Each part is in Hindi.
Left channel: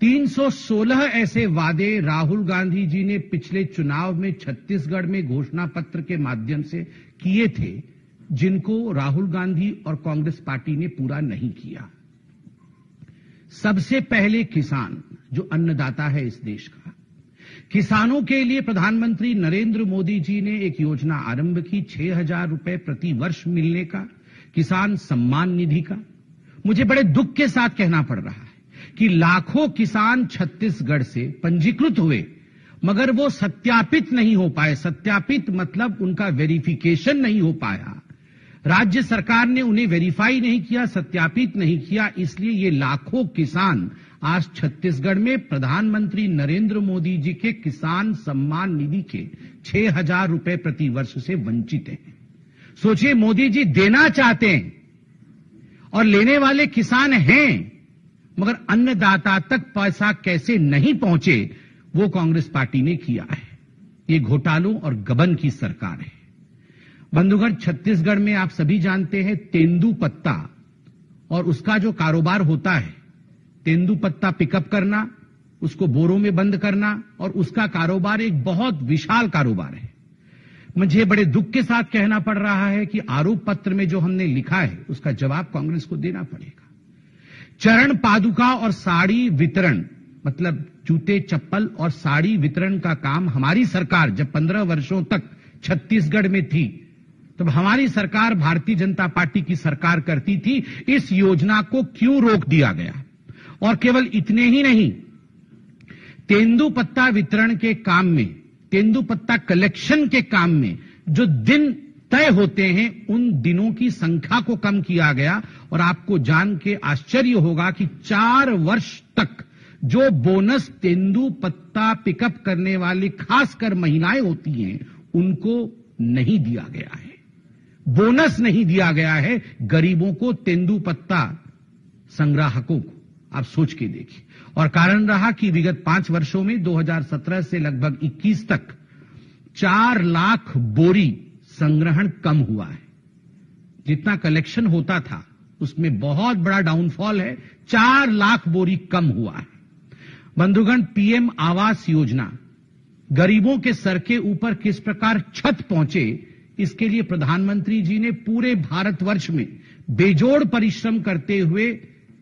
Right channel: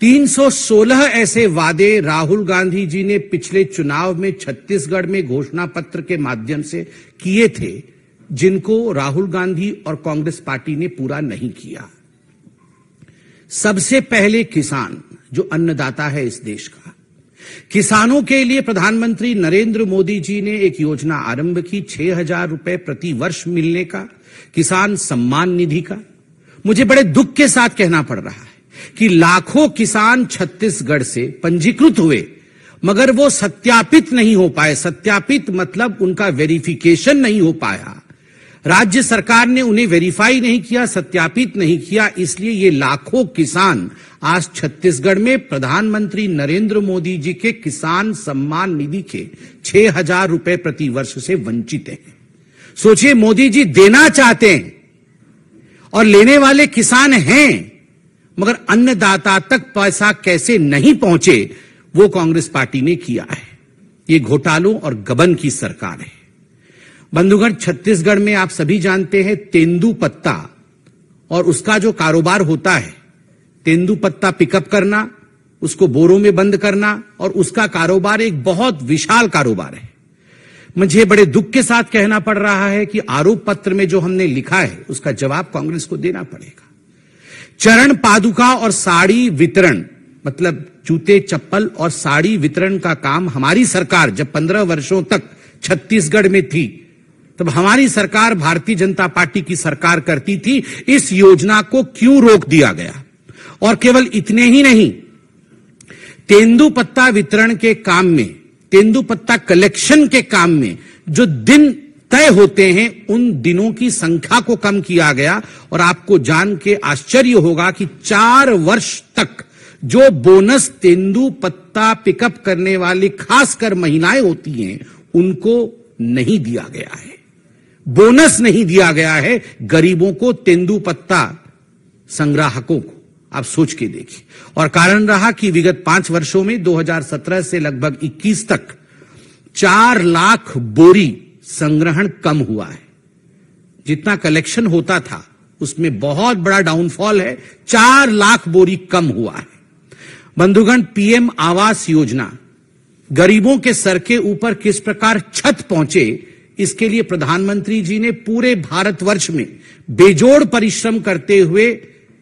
316 ऐसे वादे राहुल गांधी जी ने पिछले चुनाव में छत्तीसगढ़ में घोषणा पत्र के माध्यम से किए थे, जिनको राहुल गांधी और कांग्रेस पार्टी ने पूरा नहीं किया। सबसे पहले किसान, जो अन्नदाता है इस देश का, किसानों के लिए प्रधानमंत्री नरेंद्र मोदी जी ने एक योजना आरंभ की, 6,000 रुपए प्रति वर्ष मिलने का, किसान सम्मान निधि का। मुझे बड़े दुख के साथ कहना पड़ रहा है कि लाखों किसान छत्तीसगढ़ से पंजीकृत हुए, मगर वो सत्यापित नहीं हो पाए। सत्यापित मतलब उनका वेरिफिकेशन नहीं हो पाया। राज्य सरकार ने उन्हें वेरीफाई नहीं किया, सत्यापित नहीं किया, इसलिए ये लाखों किसान आज छत्तीसगढ़ में प्रधानमंत्री नरेंद्र मोदी जी के किसान सम्मान निधि के 6,000 रुपए प्रति वर्ष से वंचित हैं। सोचिए, मोदी जी देना चाहते हैं और लेने वाले किसान हैं, मगर अन्नदाता तक पैसा कैसे नहीं पहुंचे, वो कांग्रेस पार्टी ने किया है। ये घोटालों और गबन की सरकार है। बंधुगण, छत्तीसगढ़ में आप सभी जानते हैं तेंदूपत्ता और उसका जो कारोबार होता है, तेंदूपत्ता पिकअप करना, उसको बोरों में बंद करना, और उसका कारोबार एक बहुत विशाल कारोबार है। मुझे बड़े दुख के साथ कहना पड़ रहा है कि आरोप पत्र में जो हमने लिखा है उसका जवाब कांग्रेस को देना पड़ेगा। चरण पादुका और साड़ी वितरण, मतलब जूते चप्पल और साड़ी वितरण का काम हमारी सरकार जब 15 वर्षों तक छत्तीसगढ़ में थी, तब हमारी सरकार भारतीय जनता पार्टी की सरकार करती थी। इस योजना को क्यों रोक दिया गया? और केवल इतने ही नहीं, तेंदूपत्ता वितरण के काम में, तेंदूपत्ता कलेक्शन के काम में जो दिन तय होते हैं, उन दिनों की संख्या को कम किया गया। और आपको जान के आश्चर्य होगा कि 4 वर्ष तक जो बोनस तेंदूपत्ता पिकअप करने वाली खासकर महिलाएं होती हैं, उनको नहीं दिया गया है। बोनस नहीं दिया गया है गरीबों को, तेंदूपत्ता संग्राहकों को। आप सोच के देखिए। और कारण रहा कि विगत 5 वर्षों में 2017 से लगभग 21 तक 4 लाख बोरी संग्रहण कम हुआ है। जितना कलेक्शन होता था उसमें बहुत बड़ा डाउनफॉल है, 4 लाख बोरी कम हुआ है। बंधुगण, पीएम आवास योजना गरीबों के सर के ऊपर किस प्रकार छत पहुंचे, इसके लिए प्रधानमंत्री जी ने पूरे भारतवर्ष में बेजोड़ परिश्रम करते हुए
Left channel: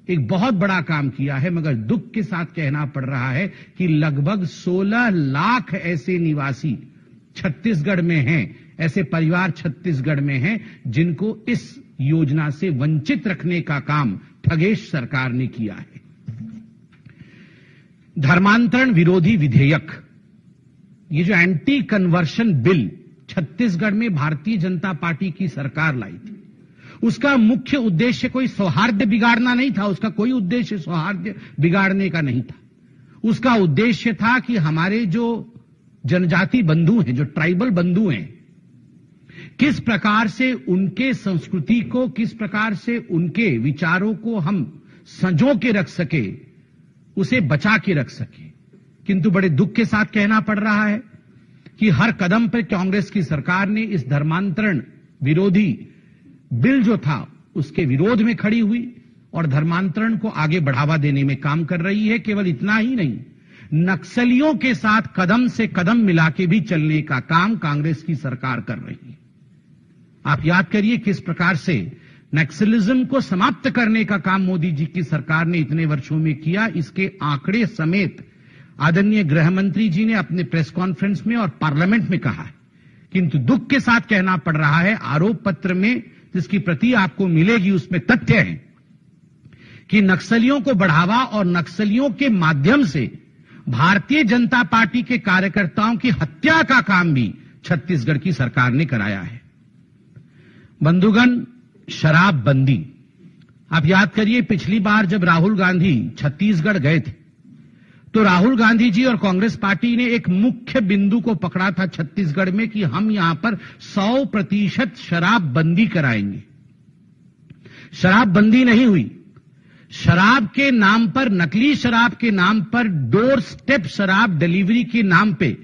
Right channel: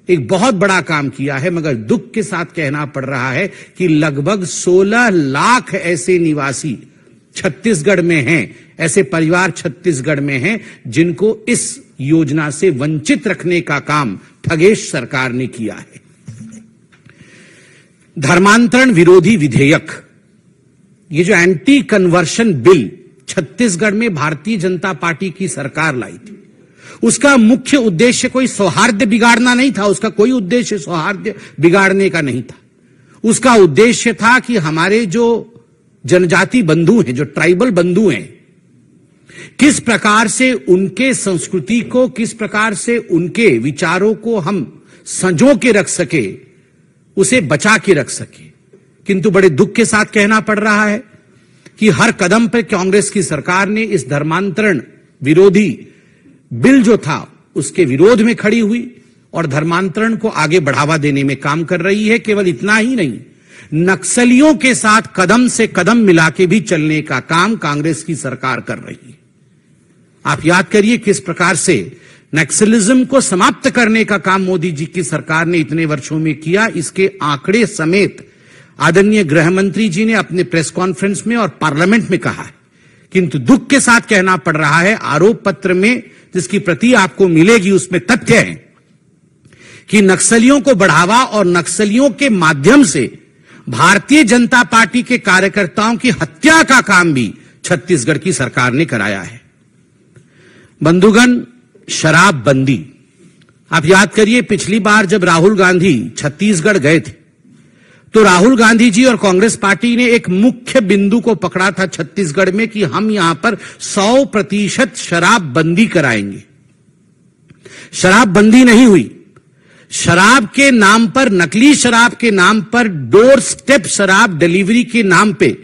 एक बहुत बड़ा काम किया है। मगर दुख के साथ कहना पड़ रहा है कि लगभग 16 लाख ऐसे निवासी छत्तीसगढ़ में हैं, ऐसे परिवार छत्तीसगढ़ में हैं जिनको इस योजना से वंचित रखने का काम ठगेश सरकार ने किया है। धर्मांतरण विरोधी विधेयक, ये जो एंटी कन्वर्शन बिल छत्तीसगढ़ में भारतीय जनता पार्टी की सरकार लाई थी, उसका मुख्य उद्देश्य कोई सौहार्द बिगाड़ना नहीं था। उसका कोई उद्देश्य सौहार्द बिगाड़ने का नहीं था। उसका उद्देश्य था कि हमारे जो जनजाति बंधु हैं, जो ट्राइबल बंधु हैं, किस प्रकार से उनके संस्कृति को, किस प्रकार से उनके विचारों को हम संजो के रख सके, उसे बचा के रख सके। किंतु बड़े दुख के साथ कहना पड़ रहा है कि हर कदम पर कांग्रेस की सरकार ने इस धर्मांतरण विरोधी बिल जो था उसके विरोध में खड़ी हुई और धर्मांतरण को आगे बढ़ावा देने में काम कर रही है। केवल इतना ही नहीं, नक्सलियों के साथ कदम से कदम मिला के भी चलने का काम कांग्रेस की सरकार कर रही है। आप याद करिए किस प्रकार से नक्सलिज्म को समाप्त करने का काम मोदी जी की सरकार ने इतने वर्षों में किया। इसके आंकड़े समेत आदरणीय गृह मंत्री जी ने अपने प्रेस कॉन्फ्रेंस में और पार्लियामेंट में कहा है। किंतु दुख के साथ कहना पड़ रहा है, आरोप पत्र में जिसकी प्रति आपको मिलेगी उसमें तथ्य है कि नक्सलियों को बढ़ावा और नक्सलियों के माध्यम से भारतीय जनता पार्टी के कार्यकर्ताओं की हत्या का काम भी छत्तीसगढ़ की सरकार ने कराया है। बंधुगण, शराबबंदी, आप याद करिए पिछली बार जब राहुल गांधी छत्तीसगढ़ गए थे तो राहुल गांधी जी और कांग्रेस पार्टी ने एक मुख्य बिंदु को पकड़ा था छत्तीसगढ़ में कि हम यहां पर 100% शराबबंदी कराएंगे। शराबबंदी नहीं हुई। शराब के नाम पर, नकली शराब के नाम पर, डोर स्टेप शराब डिलीवरी के नाम पे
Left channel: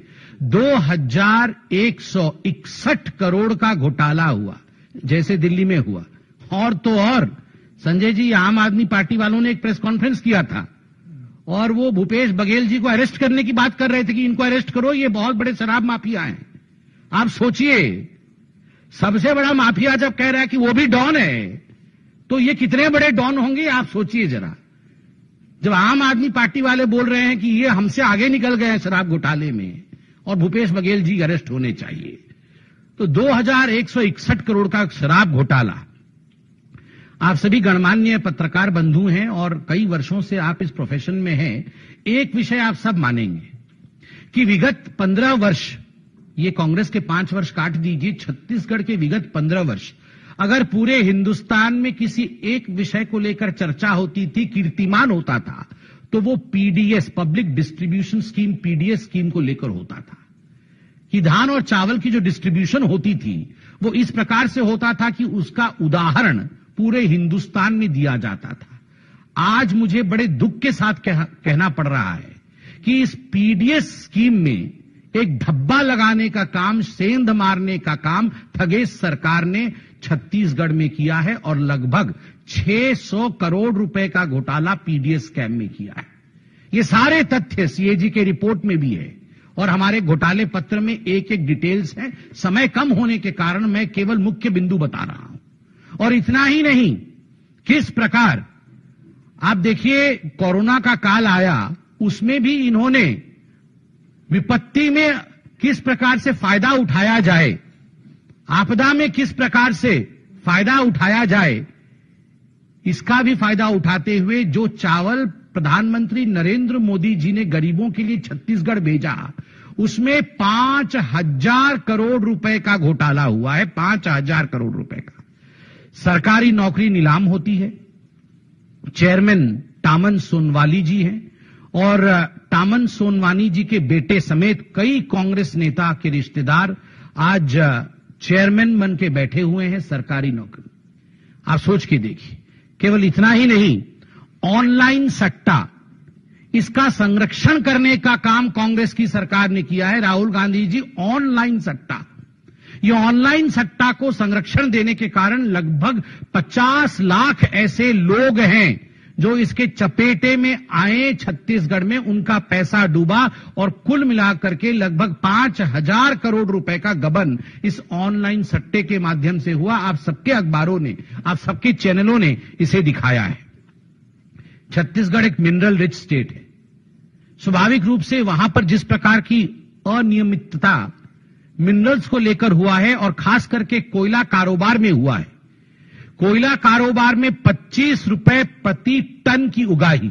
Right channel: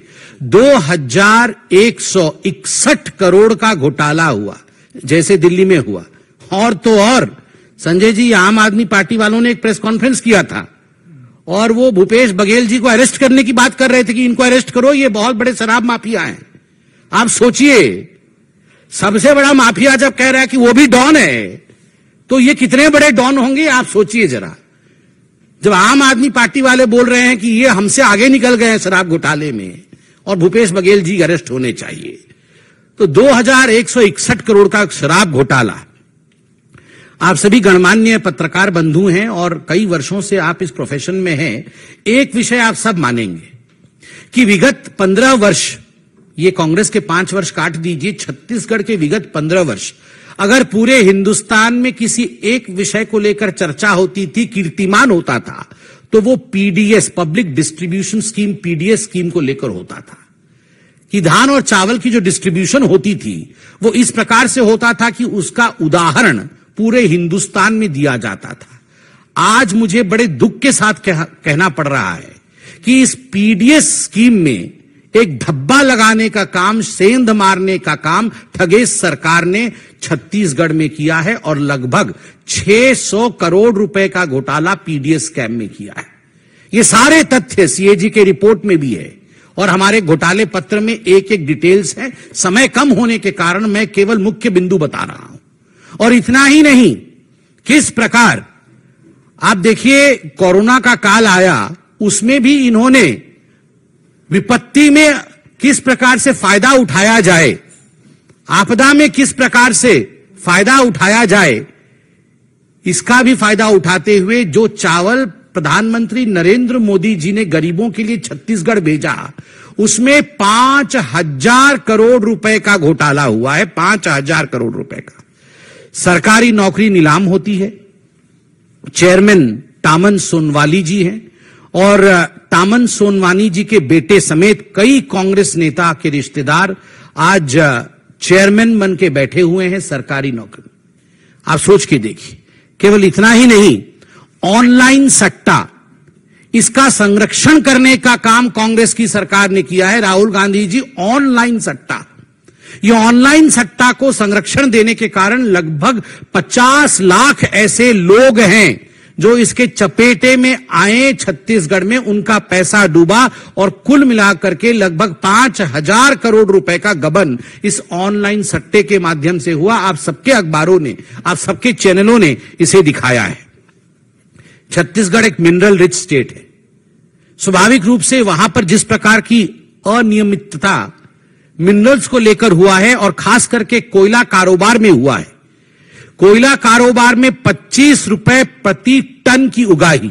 2161 करोड़ का घोटाला हुआ, जैसे दिल्ली में हुआ। और तो और संजय जी, आम आदमी पार्टी वालों ने एक प्रेस कॉन्फ्रेंस किया था और वो भूपेश बघेल जी को अरेस्ट करने की बात कर रहे थे कि इनको अरेस्ट करो, ये बहुत बड़े शराब माफिया हैं। आप सोचिए, सबसे बड़ा माफिया जब कह रहा है कि वो भी डॉन है, तो ये कितने बड़े डॉन होंगे आप सोचिए जरा। जब आम आदमी पार्टी वाले बोल रहे हैं कि ये हमसे आगे निकल गए हैं शराब घोटाले में और भूपेश बघेल जी अरेस्ट होने चाहिए, तो 2161 करोड़ का शराब घोटाला। आप सभी गणमान्य पत्रकार बंधु हैं और कई वर्षों से आप इस प्रोफेशन में हैं। एक विषय आप सब मानेंगे कि विगत 15 वर्ष, ये कांग्रेस के 5 वर्ष काट दीजिए, छत्तीसगढ़ के विगत 15 वर्ष अगर पूरे हिंदुस्तान में किसी एक विषय को लेकर चर्चा होती थी, कीर्तिमान होता था, तो वो PDS, public distribution scheme, PDS scheme को लेकर होता था कि धान और चावल की जो डिस्ट्रीब्यूशन होती थी वो इस प्रकार से होता था कि उसका उदाहरण पूरे हिंदुस्तान में दिया जाता था। आज मुझे बड़े दुख के साथ कहना पड़ रहा है कि इस पीडीएस स्कीम में एक धब्बा लगाने का काम, सेंध मारने का काम ठगेश सरकार ने छत्तीसगढ़ में किया है और लगभग 600 करोड़ रुपए का घोटाला पीडीएस स्कैम में किया है। ये सारे तथ्य सीएजी के रिपोर्ट में भी है और हमारे घोटाले पत्र में एक एक डिटेल्स है। समय कम होने के कारण मैं केवल मुख्य बिंदु बता रहा हूं। और इतना ही नहीं, किस प्रकार आप देखिए, कोरोना का काल आया, उसमें भी इन्होंने विपत्ति में किस प्रकार से फायदा उठाया जाए, आपदा में किस प्रकार से फायदा उठाया जाए, इसका भी फायदा उठाते हुए जो चावल प्रधानमंत्री नरेंद्र मोदी जी ने गरीबों के लिए छत्तीसगढ़ भेजा, उसमें 5000 करोड़ रुपए का घोटाला हुआ है। 5000 करोड़ रुपए का। सरकारी नौकरी नीलाम होती है। चेयरमैन टामन सोनवानी जी हैं और टामन सोनवानी जी के बेटे समेत कई कांग्रेस नेता के रिश्तेदार आज चेयरमैन बन के बैठे हुए हैं सरकारी नौकरी। आप सोच के देखिए। केवल इतना ही नहीं, ऑनलाइन सट्टा, इसका संरक्षण करने का काम कांग्रेस की सरकार ने किया है। राहुल गांधी जी, ऑनलाइन सट्टा, ये ऑनलाइन सट्टा को संरक्षण देने के कारण लगभग 50 लाख ऐसे लोग हैं जो इसके चपेटे में आए, छत्तीसगढ़ में उनका पैसा डूबा और कुल मिलाकर के लगभग 5000 करोड़ रुपए का गबन इस ऑनलाइन सट्टे के माध्यम से हुआ। आप सबके अखबारों ने, आप सबके चैनलों ने इसे दिखाया है। छत्तीसगढ़ एक मिनरल रिच स्टेट है। स्वाभाविक रूप से वहां पर जिस प्रकार की अनियमितता मिनरल्स को लेकर हुआ है और खास करके कोयला कारोबार में हुआ है। कोयला कारोबार में 25 रुपए प्रति टन की उगाही,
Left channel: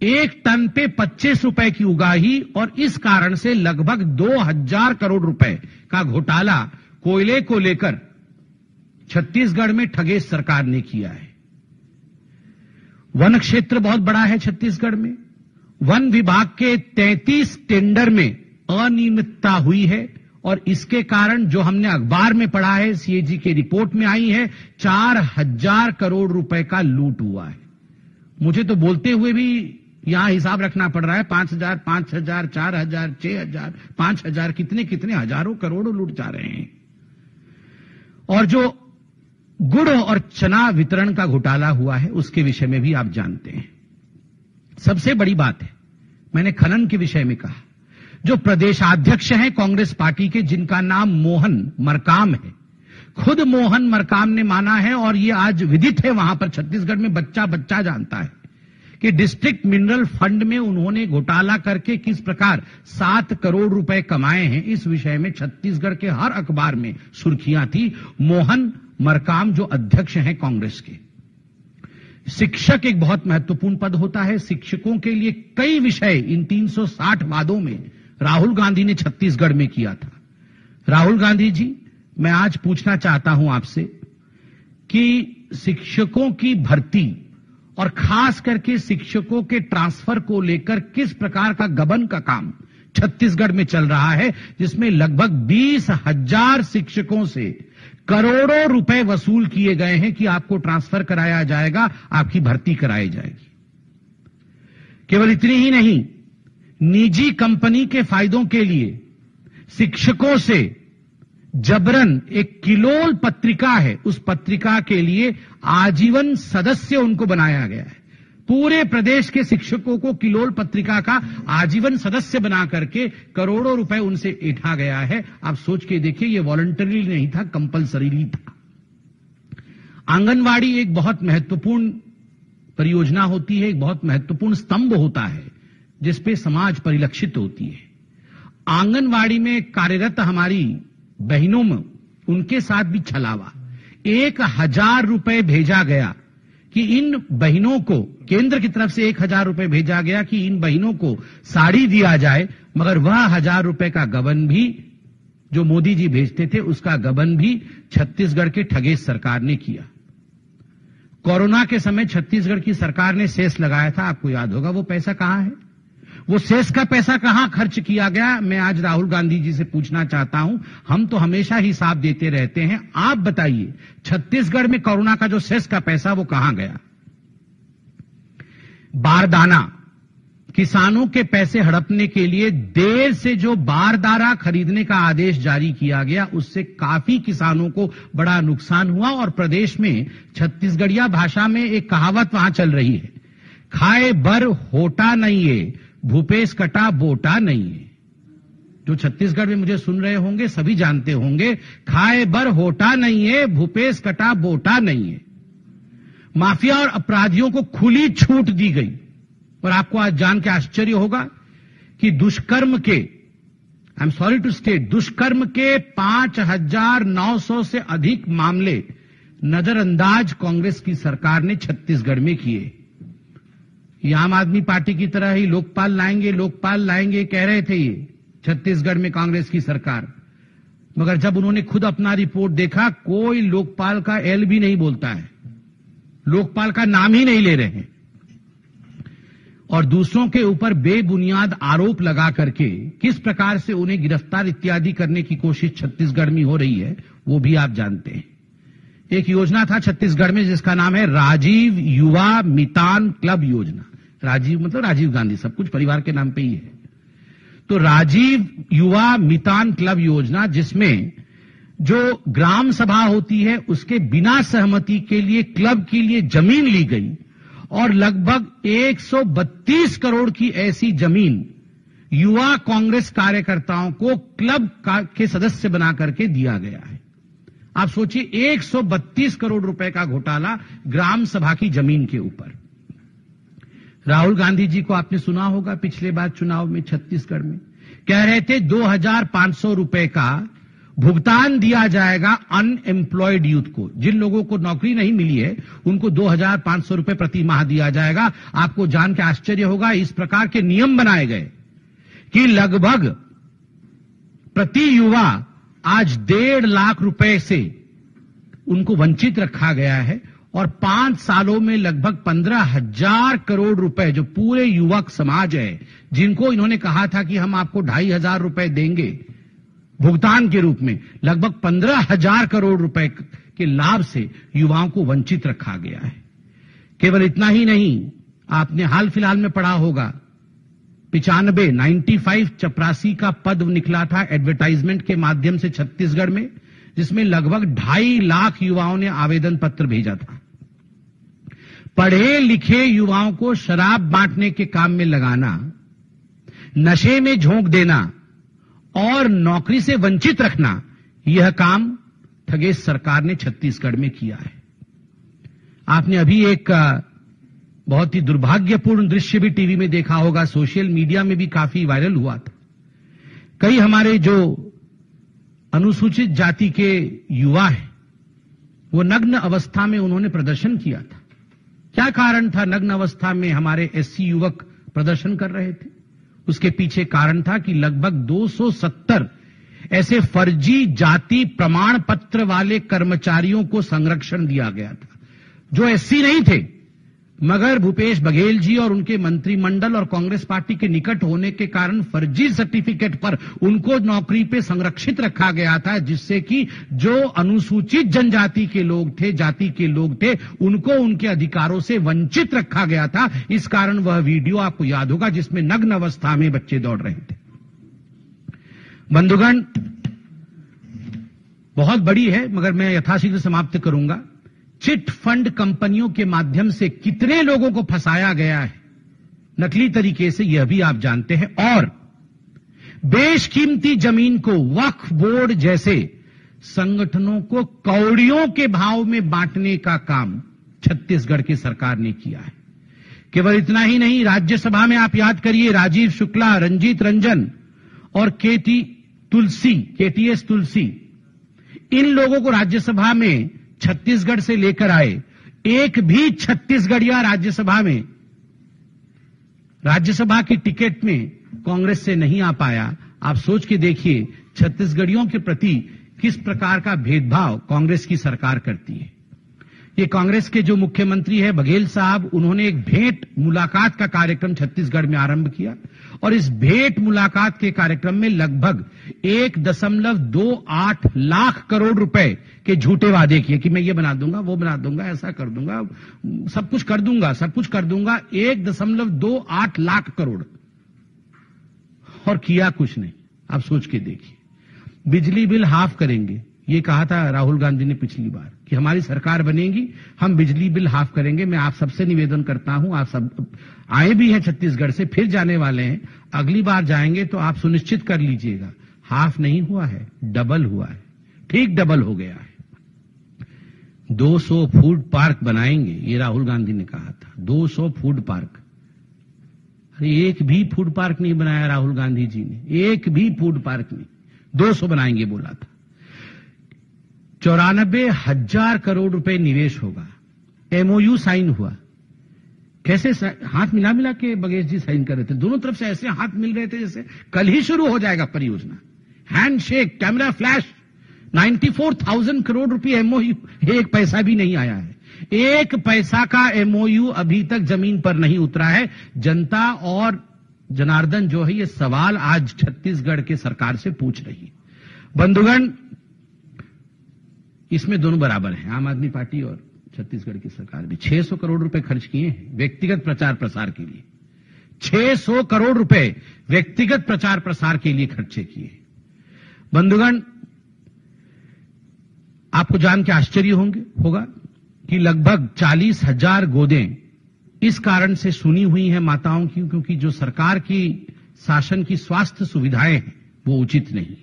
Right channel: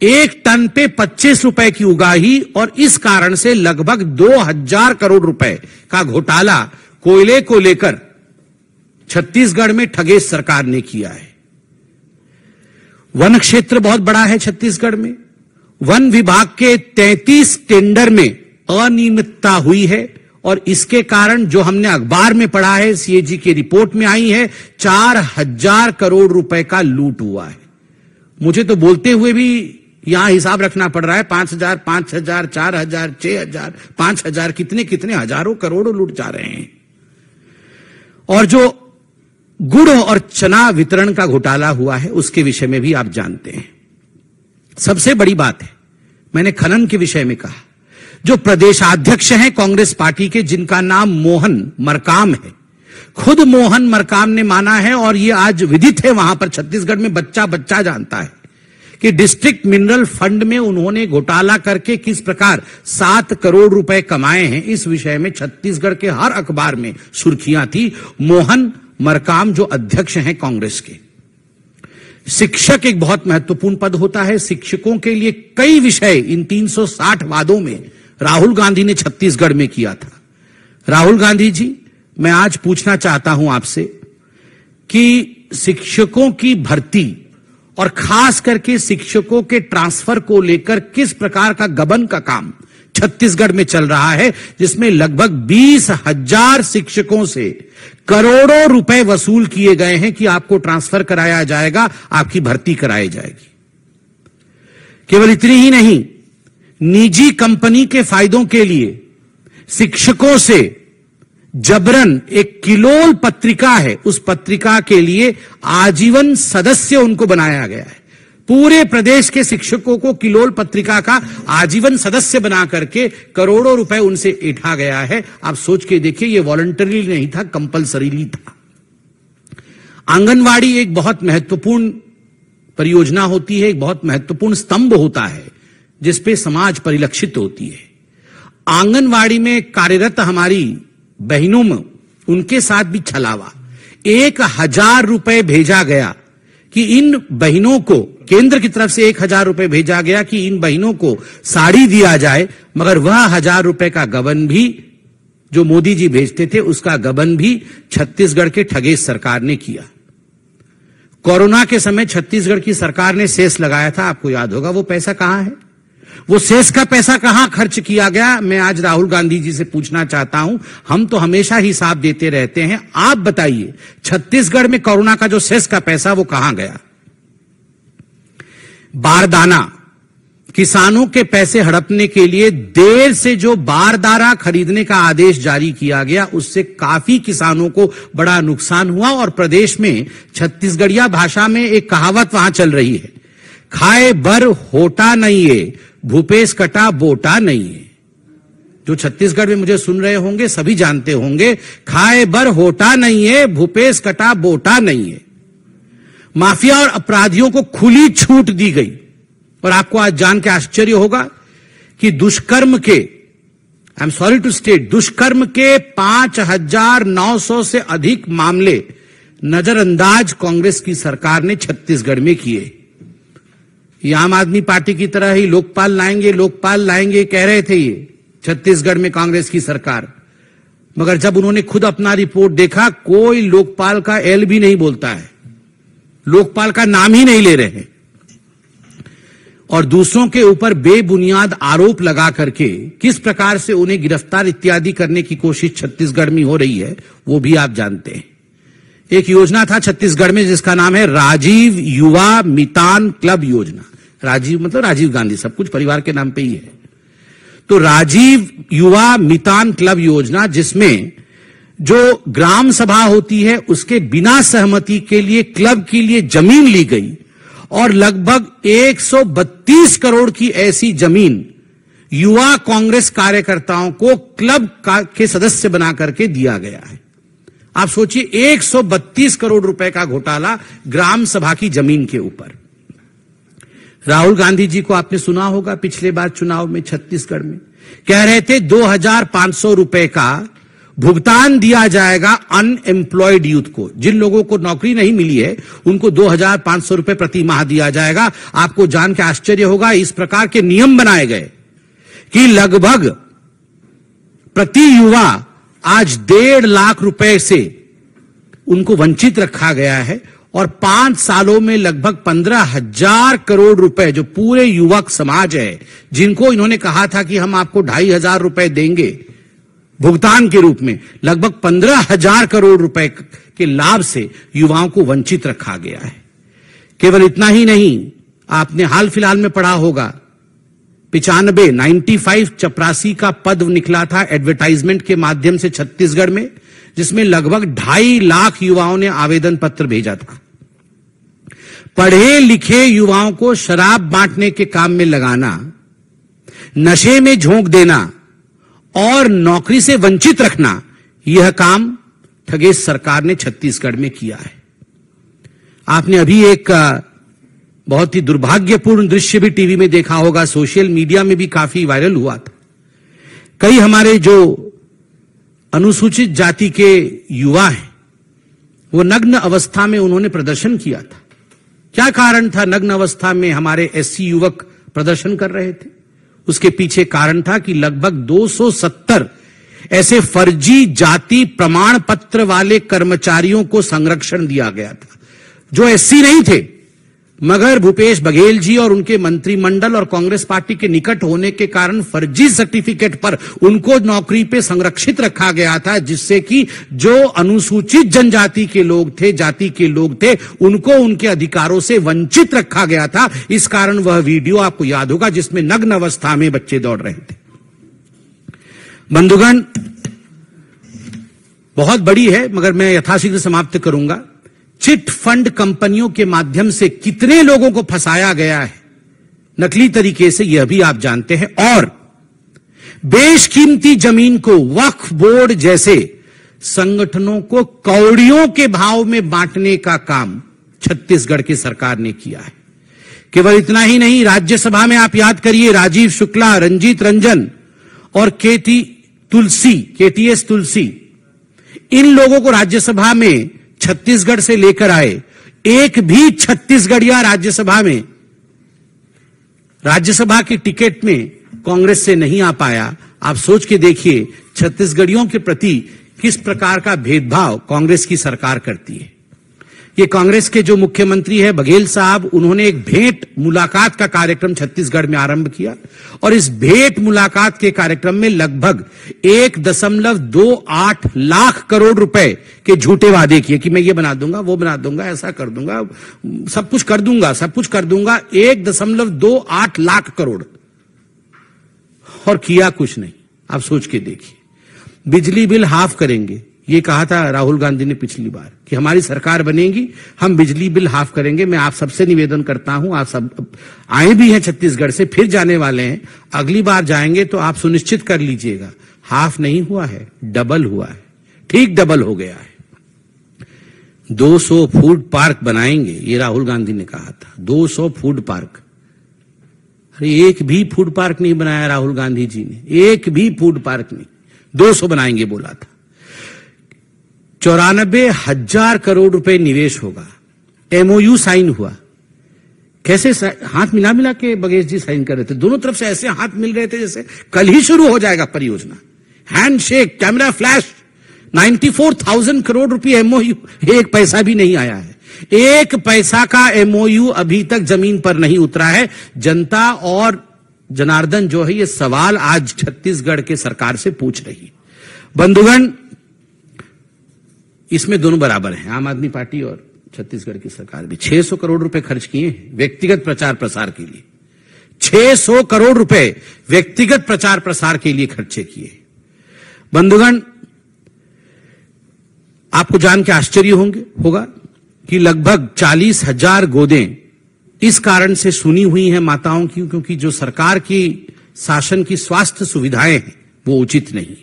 1 टन पे 25 रुपए की उगाही, और इस कारण से लगभग 2000 करोड़ रुपए का घोटाला कोयले को लेकर छत्तीसगढ़ में ठगेश सरकार ने किया है। वन क्षेत्र बहुत बड़ा है छत्तीसगढ़ में। वन विभाग के 33 टेंडर में अनियमितता हुई है और इसके कारण जो हमने अखबार में पढ़ा है, सीएजी की रिपोर्ट में आई है, 4000 करोड़ रुपए का लूट हुआ है। मुझे तो बोलते हुए भी यहां हिसाब रखना पड़ रहा है। 5000, 5000, 4000, 6000, 5000, कितने कितने हजारों करोड़ लूट जा रहे हैं। और जो गुड़ और चना वितरण का घोटाला हुआ है, उसके विषय में भी आप जानते हैं। सबसे बड़ी बात है, मैंने खनन के विषय में कहा, जो प्रदेशाध्यक्ष हैं कांग्रेस पार्टी के, जिनका नाम मोहन मरकाम है, खुद मोहन मरकाम ने माना है और ये आज विदित है वहां पर छत्तीसगढ़ में, बच्चा बच्चा जानता है कि डिस्ट्रिक्ट मिनरल फंड में उन्होंने घोटाला करके किस प्रकार 7 करोड़ रुपए कमाए हैं। इस विषय में छत्तीसगढ़ के हर अखबार में सुर्खियां थी। मोहन मरकाम जो अध्यक्ष हैं कांग्रेस के। शिक्षक एक बहुत महत्वपूर्ण पद होता है। शिक्षकों के लिए कई विषय इन 360 वादों में राहुल गांधी ने छत्तीसगढ़ में किया था। राहुल गांधी जी, मैं आज पूछना चाहता हूं आपसे कि शिक्षकों की भर्ती और खास करके शिक्षकों के ट्रांसफर को लेकर किस प्रकार का गबन का काम छत्तीसगढ़ में चल रहा है, जिसमें लगभग 20,000 शिक्षकों से करोड़ों रुपए वसूल किए गए हैं कि आपको ट्रांसफर कराया जाएगा, आपकी भर्ती कराई जाएगी। केवल इतनी ही नहीं, निजी कंपनी के फायदों के लिए शिक्षकों से जबरन, एक किलोल पत्रिका है, उस पत्रिका के लिए आजीवन सदस्य उनको बनाया गया है। पूरे प्रदेश के शिक्षकों को किलोल पत्रिका का आजीवन सदस्य बना करके करोड़ों रुपए उनसे ऐंठा गया है। आप सोच के देखिए, ये वॉलंटरी नहीं था, कंपल्सरीली था। आंगनवाड़ी एक बहुत महत्वपूर्ण परियोजना होती है, एक बहुत महत्वपूर्ण स्तंभ होता है जिसपे समाज परिलक्षित होती है। आंगनवाड़ी में कार्यरत हमारी बहनों में उनके साथ भी छलावा। 1000 रुपए भेजा गया कि इन बहनों को, केंद्र की तरफ से 1000 रुपए भेजा गया कि इन बहनों को साड़ी दिया जाए, मगर वह 1000 रुपए का गबन भी जो मोदी जी भेजते थे उसका गबन भी छत्तीसगढ़ के ठगेश सरकार ने किया। कोरोना के समय छत्तीसगढ़ की सरकार ने सेस लगाया था, आपको याद होगा। वो पैसा कहां है? वो सेस का पैसा कहां खर्च किया गया? मैं आज राहुल गांधी जी से पूछना चाहता हूं। हम तो हमेशा हिसाब देते रहते हैं, आप बताइए छत्तीसगढ़ में कोरोना का जो सेस का पैसा वो कहां गया? बारदाना, किसानों के पैसे हड़पने के लिए देर से जो बारदाना खरीदने का आदेश जारी किया गया, उससे काफी किसानों को बड़ा नुकसान हुआ। और प्रदेश में छत्तीसगढ़िया भाषा में एक कहावत वहां चल रही है, खाए बर होटा नहीं है, भूपेश कटा बोटा नहीं है। जो छत्तीसगढ़ में मुझे सुन रहे होंगे सभी जानते होंगे, खाए बर होटा नहीं है, भूपेश कटा बोटा नहीं है। माफिया और अपराधियों को खुली छूट दी गई। और आपको आज जान के आश्चर्य होगा कि दुष्कर्म के, I am sorry to state, दुष्कर्म के 5900 से अधिक मामले नजरअंदाज कांग्रेस की सरकार ने छत्तीसगढ़ में किए। ये आम आदमी पार्टी की तरह ही लोकपाल लाएंगे कह रहे थे ये छत्तीसगढ़ में कांग्रेस की सरकार, मगर जब उन्होंने खुद अपना रिपोर्ट देखा, कोई लोकपाल का एल भी नहीं बोलता है, लोकपाल का नाम ही नहीं ले रहे हैं। और दूसरों के ऊपर बेबुनियाद आरोप लगा करके किस प्रकार से उन्हें गिरफ्तार इत्यादि करने की कोशिश छत्तीसगढ़ में हो रही है, वो भी आप जानते हैं। एक योजना था छत्तीसगढ़ में जिसका नाम है राजीव युवा मितान क्लब योजना। राजीव मतलब राजीव गांधी, सब कुछ परिवार के नाम पे ही है। तो राजीव युवा मितान क्लब योजना, जिसमें जो ग्राम सभा होती है उसके बिना सहमति के लिए क्लब के लिए जमीन ली गई और लगभग 132 करोड़ की ऐसी जमीन युवा कांग्रेस कार्यकर्ताओं को क्लब के सदस्य बना करके दिया गया है। आप सोचिए, 132 करोड़ रुपए का घोटाला ग्राम सभा की जमीन के ऊपर। राहुल गांधी जी को आपने सुना होगा, पिछले बार चुनाव में छत्तीसगढ़ में कह रहे थे 2500 रुपए का भुगतान दिया जाएगा अनएम्प्लॉयड यूथ को। जिन लोगों को नौकरी नहीं मिली है उनको 2500 रुपए प्रति माह दिया जाएगा। आपको जान के आश्चर्य होगा, इस प्रकार के नियम बनाए गए कि लगभग प्रति युवा आज 1.5 लाख रुपए से उनको वंचित रखा गया है। और 5 सालों में लगभग 15,000 करोड़ रुपए जो पूरे युवक समाज है, जिनको इन्होंने कहा था कि हम आपको 2500 रुपए देंगे भुगतान के रूप में, लगभग 15,000 करोड़ रुपए के लाभ से युवाओं को वंचित रखा गया है। केवल इतना ही नहीं, आपने हाल फिलहाल में पढ़ा होगा 95 चपरासी का पद निकला था एडवर्टाइजमेंट के माध्यम से छत्तीसगढ़ में, जिसमें लगभग 2.5 लाख युवाओं ने आवेदन पत्र भेजा था। पढ़े लिखे युवाओं को शराब बांटने के काम में लगाना, नशे में झोंक देना और नौकरी से वंचित रखना, यह काम ठगेश सरकार ने छत्तीसगढ़ में किया है। आपने अभी एक बहुत ही दुर्भाग्यपूर्ण दृश्य भी टीवी में देखा होगा, सोशल मीडिया में भी काफी वायरल हुआ था। कई हमारे जो अनुसूचित जाति के युवा हैं, वो नग्न अवस्था में उन्होंने प्रदर्शन किया था। क्या कारण था नग्न अवस्था में हमारे एससी युवक प्रदर्शन कर रहे थे? उसके पीछे कारण था कि लगभग 270 ऐसे फर्जी जाति प्रमाण पत्र वाले कर्मचारियों को संरक्षण दिया गया था, जो एससी नहीं थे, मगर भूपेश बघेल जी और उनके मंत्रिमंडल और कांग्रेस पार्टी के निकट होने के कारण फर्जी सर्टिफिकेट पर उनको नौकरी पे संरक्षित रखा गया था, जिससे कि जो अनुसूचित जनजाति के लोग थे, जाति के लोग थे, उनको उनके अधिकारों से वंचित रखा गया था। इस कारण वह वीडियो आपको याद होगा जिसमें नग्न अवस्था में बच्चे दौड़ रहे थे। बंधुगण, बहुत बड़ी है मगर मैं यथाशीघ्र समाप्त करूंगा। चिट फंड कंपनियों के माध्यम से कितने लोगों को फंसाया गया है नकली तरीके से, यह भी आप जानते हैं। और बेशकीमती जमीन को वक्फ बोर्ड जैसे संगठनों को कौड़ियों के भाव में बांटने का काम छत्तीसगढ़ की सरकार ने किया है। केवल इतना ही नहीं, राज्यसभा में आप याद करिए, राजीव शुक्ला, रंजीत रंजन और केटीएस तुलसी, इन लोगों को राज्यसभा में छत्तीसगढ़ से लेकर आए। एक भी छत्तीसगढ़िया राज्यसभा की टिकट में कांग्रेस से नहीं आ पाया। आप सोच के देखिए छत्तीसगढ़ियों के प्रति किस प्रकार का भेदभाव कांग्रेस की सरकार करती है। ये कांग्रेस के जो मुख्यमंत्री है बघेल साहब, उन्होंने एक भेंट मुलाकात का कार्यक्रम छत्तीसगढ़ में आरंभ किया और इस भेंट मुलाकात के कार्यक्रम में लगभग 1.28 लाख करोड़ रुपए के झूठे वादे किए कि मैं ये बना दूंगा, वो बना दूंगा, ऐसा कर दूंगा, सब कुछ कर दूंगा। 1.28 लाख करोड़ और किया कुछ नहीं। आप सोच के देखिए। बिजली बिल हाफ करेंगे, ये कहा था राहुल गांधी ने पिछली बार कि हमारी सरकार बनेगी, हम बिजली बिल हाफ करेंगे। मैं आप सबसे निवेदन करता हूं, आप सब आए भी हैं छत्तीसगढ़ से, फिर जाने वाले हैं, अगली बार जाएंगे तो आप सुनिश्चित कर लीजिएगा हाफ नहीं हुआ है, डबल हुआ है, ठीक डबल हो गया है। 200 फूड पार्क बनाएंगे, ये राहुल गांधी ने कहा था, 200 फूड पार्क। अरे एक भी फूड पार्क नहीं बनाया राहुल गांधी जी ने, एक भी फूड पार्क नहीं, 200 बनाएंगे बोला था। 94,000 करोड़ रुपए निवेश होगा। एमओयू साइन हुआ, कैसे हाथ मिला मिला के बघेल जी साइन कर रहे थे, दोनों तरफ से ऐसे हाथ मिल रहे थे जैसे कल ही शुरू हो जाएगा परियोजना। हैंडशेक, कैमरा फ्लैश, 94,000 करोड़ रुपए एमओयू, एक पैसा भी नहीं आया है। एक पैसा का एमओयू अभी तक जमीन पर नहीं उतरा है। जनता और जनार्दन जो है ये सवाल आज छत्तीसगढ़ के सरकार से पूछ रही। बंधुगण, इसमें दोनों बराबर हैं, आम आदमी पार्टी और छत्तीसगढ़ की सरकार भी। 600 करोड़ रुपए खर्च किए हैं व्यक्तिगत प्रचार प्रसार के लिए, 600 करोड़ रुपए व्यक्तिगत प्रचार प्रसार के लिए खर्चे किए। बंधुगण, आपको जान के आश्चर्य होगा कि लगभग 40,000 गोदें इस कारण से सुनी हुई हैं माताओं की, क्योंकि जो सरकार की शासन की स्वास्थ्य सुविधाएं हैं वो उचित नहीं।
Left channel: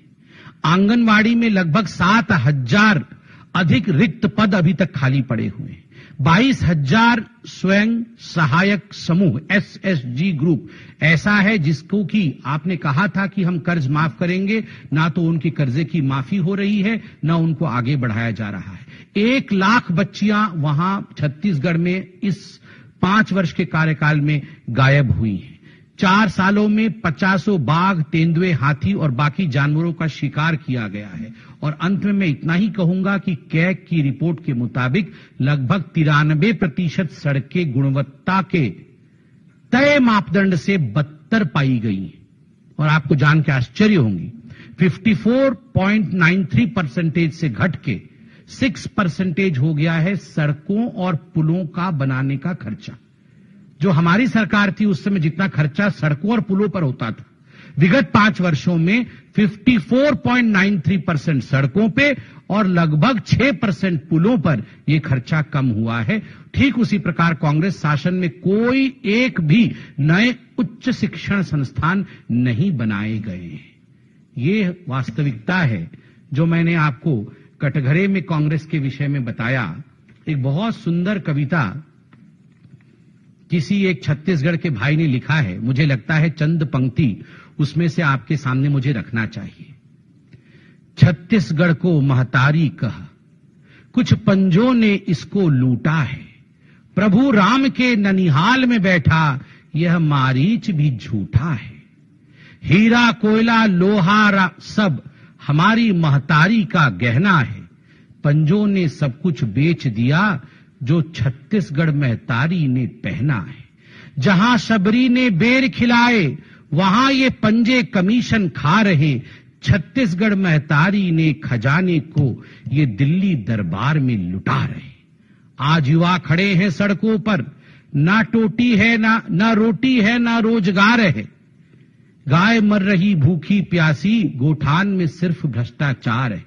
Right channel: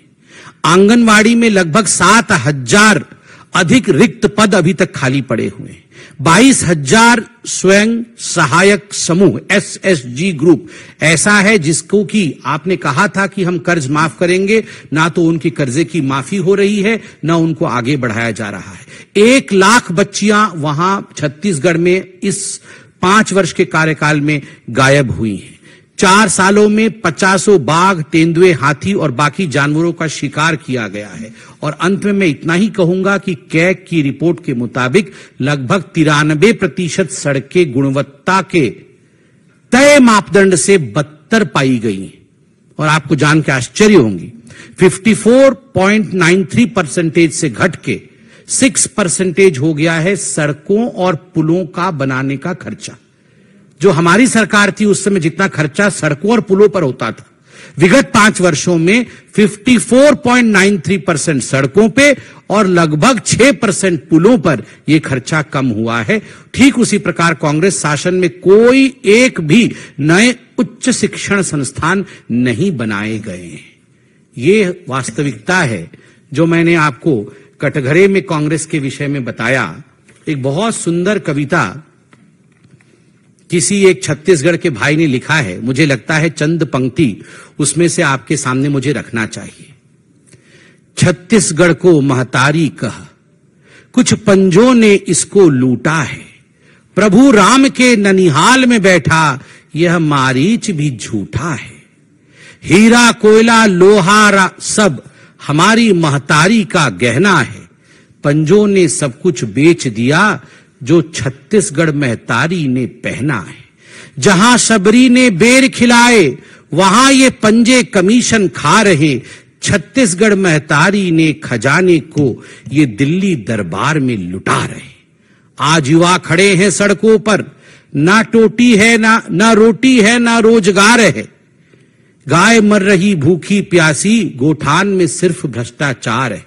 आंगनवाड़ी में लगभग 7,000 अधिक रिक्त पद अभी तक खाली पड़े हुए हैं। 22,000 स्वयं सहायक समूह SSG ग्रुप ऐसा है जिसको कि आपने कहा था कि हम कर्ज माफ करेंगे, ना तो उनके कर्जे की माफी हो रही है, ना उनको आगे बढ़ाया जा रहा है। 1 लाख बच्चियां वहां छत्तीसगढ़ में इस 5 वर्ष के कार्यकाल में गायब हुई हैं। 4 सालों में 50 बाघ, तेंदुए, हाथी और बाकी जानवरों का शिकार किया गया है। और अंत में मैं इतना ही कहूंगा कि कैग की रिपोर्ट के मुताबिक लगभग 93% सड़कें गुणवत्ता के तय मापदंड से बदतर पाई गई हैं। और आपको जान के आश्चर्य होंगी, 54.93% से घट के 6% हो गया है सड़कों और पुलों का बनाने का खर्चा। जो हमारी सरकार थी उस समय जितना खर्चा सड़कों और पुलों पर होता था, विगत 5 वर्षों में 54.93% सड़कों पे और लगभग 6% पुलों पर यह खर्चा कम हुआ है। ठीक उसी प्रकार कांग्रेस शासन में कोई एक भी नए उच्च शिक्षण संस्थान नहीं बनाए गए। ये वास्तविकता है जो मैंने आपको कटघरे में कांग्रेस के विषय में बताया। एक बहुत सुंदर कविता किसी एक छत्तीसगढ़ के भाई ने लिखा है, मुझे लगता है चंद पंक्ति उसमें से आपके सामने मुझे रखना चाहिए। छत्तीसगढ़ को महतारी कह, कुछ पंजों ने इसको लूटा है। प्रभु राम के ननिहाल में बैठा, यह मारीच भी झूठा है। हीरा कोयला लोहा सब हमारी महतारी का गहना है। पंजों ने सब कुछ बेच दिया जो छत्तीसगढ़ महतारी ने पहना है। जहां शबरी ने बेर खिलाए वहां ये पंजे कमीशन खा रहे। छत्तीसगढ़ महतारी ने खजाने को ये दिल्ली दरबार में लुटा रहे। आज युवा खड़े हैं सड़कों पर, ना टोटी है ना रोटी है ना रोजगार है। गाय मर रही भूखी प्यासी, गोठान में सिर्फ भ्रष्टाचार है।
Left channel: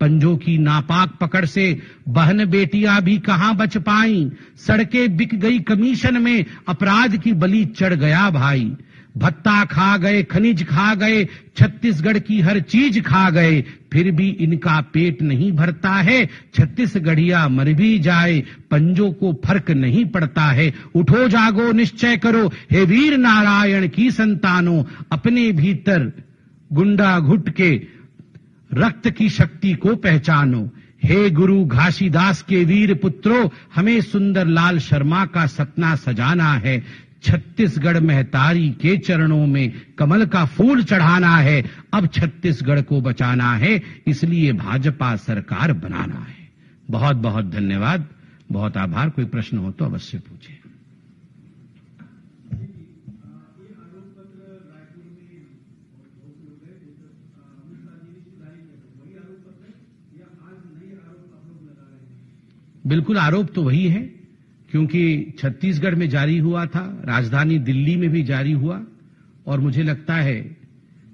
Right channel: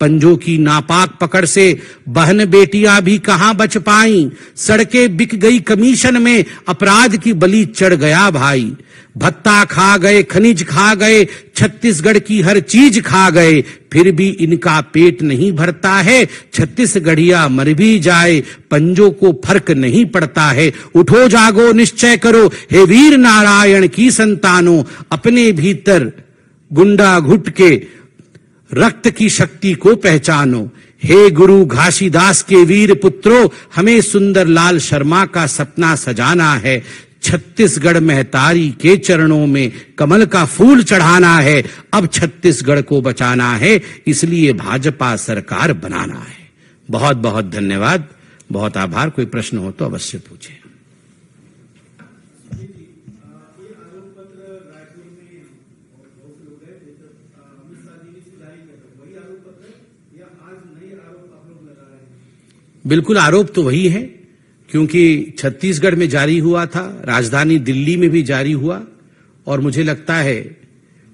पंजों की नापाक पकड़ से बहन बेटियां भी कहां बच पाई। सड़कें बिक गई कमीशन में, अपराध की बलि चढ़ गया भाई। भत्ता खा गए, खनिज खा गए, छत्तीसगढ़ की हर चीज खा गए, फिर भी इनका पेट नहीं भरता है। छत्तीसगढ़िया मर भी जाए, पंजों को फर्क नहीं पड़ता है। उठो जागो निश्चय करो, हे वीर नारायण की संतानों, अपने भीतर गुंडा घुट के रक्त की शक्ति को पहचानो। हे गुरु घासीदास के वीर पुत्रों, हमें सुंदरलाल शर्मा का सपना सजाना है। छत्तीसगढ़ महतारी के चरणों में कमल का फूल चढ़ाना है। अब छत्तीसगढ़ को बचाना है, इसलिए भाजपा सरकार बनाना है। बहुत बहुत धन्यवाद, बहुत आभार। कोई प्रश्न हो तो अवश्य पूछे। बिल्कुल, आरोप तो वही है, क्योंकि छत्तीसगढ़ में जारी हुआ था, राजधानी दिल्ली में भी जारी हुआ, और मुझे लगता है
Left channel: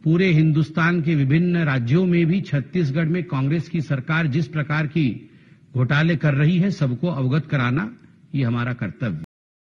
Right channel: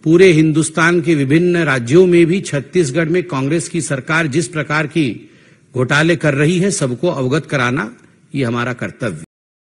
पूरे हिंदुस्तान के विभिन्न राज्यों में भी छत्तीसगढ़ में कांग्रेस की सरकार जिस प्रकार की घोटाले कर रही है, सबको अवगत कराना ये हमारा कर्तव्य है।